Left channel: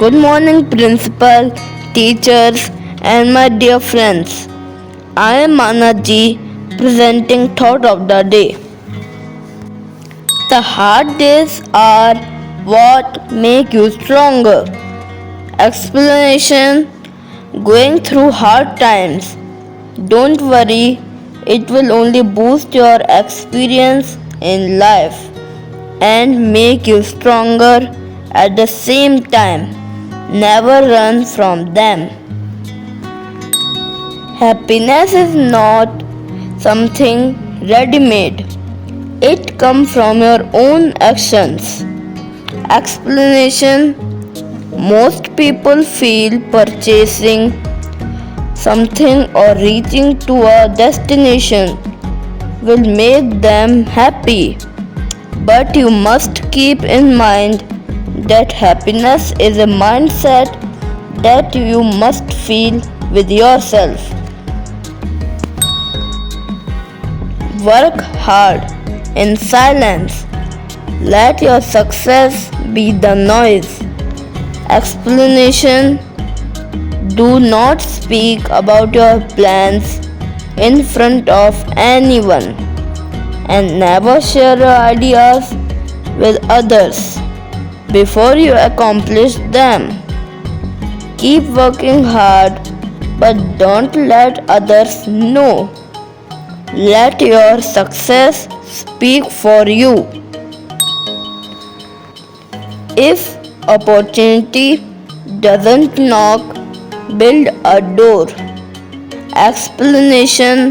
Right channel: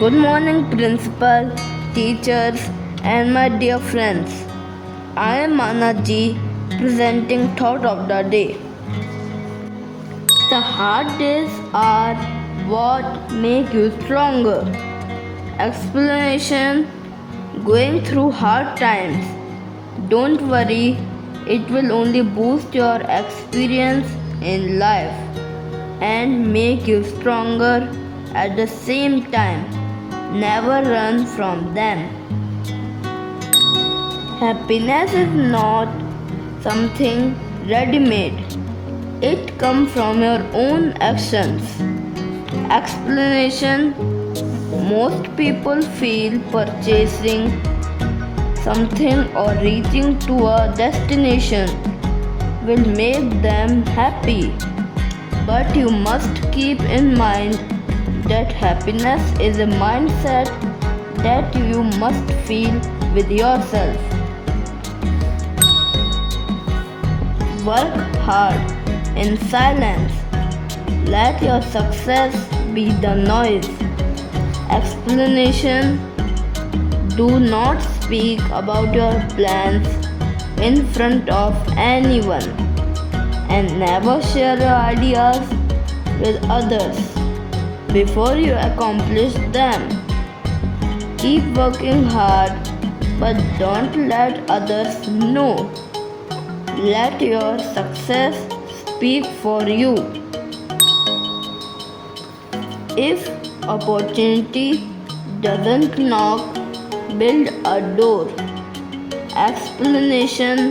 Good morning, principal, teachers, and my dear friends. I am Manaji presenting thought of the day. The hard days are what make you stronger. Explanation: going through hard times. Don't worry, it will only boost your experience in life and make you stronger at the same time. Never run from them. Happiness is not something ready made, it comes from your own actions. Explanation: most people feel purchasing something or reaching to a destination will make them happy. But you must keep in mind that happiness is a mindset that you must feel with yourself. Work hard in silence. Let your success be the noise. Explanation: do not speak about your plans in front of anyone and never share your ideas with others before you accomplish them. Keep working hard, but don't let others know. Let your success speak for you. If opportunity doesn't knock, build a door. Explanation:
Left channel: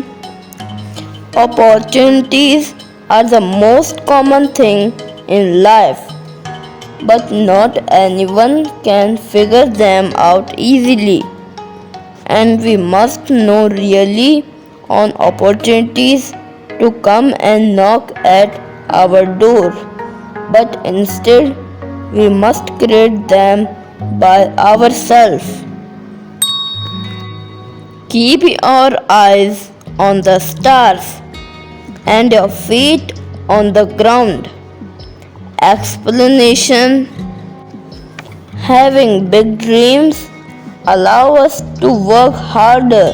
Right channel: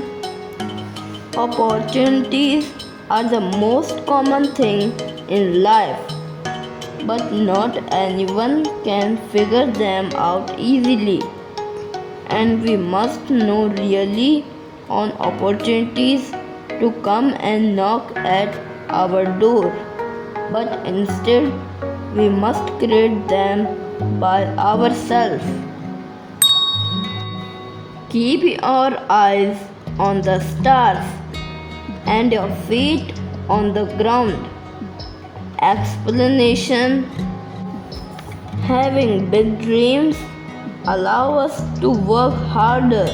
opportunities are the most common thing in life, but not anyone can figure them out easily. And we must know really on opportunities to come and knock at our door, but instead we must create them by ourselves. Keep your eyes on the stars and your feet on the ground. Explanation: having big dreams allow us to work harder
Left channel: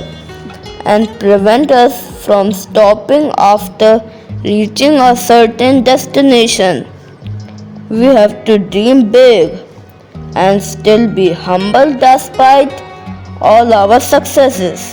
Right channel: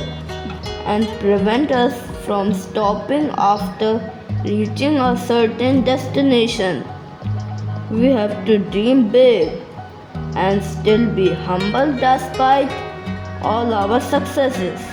and prevent us from stopping after reaching a certain destination. We have to dream big and still be humble despite all our successes.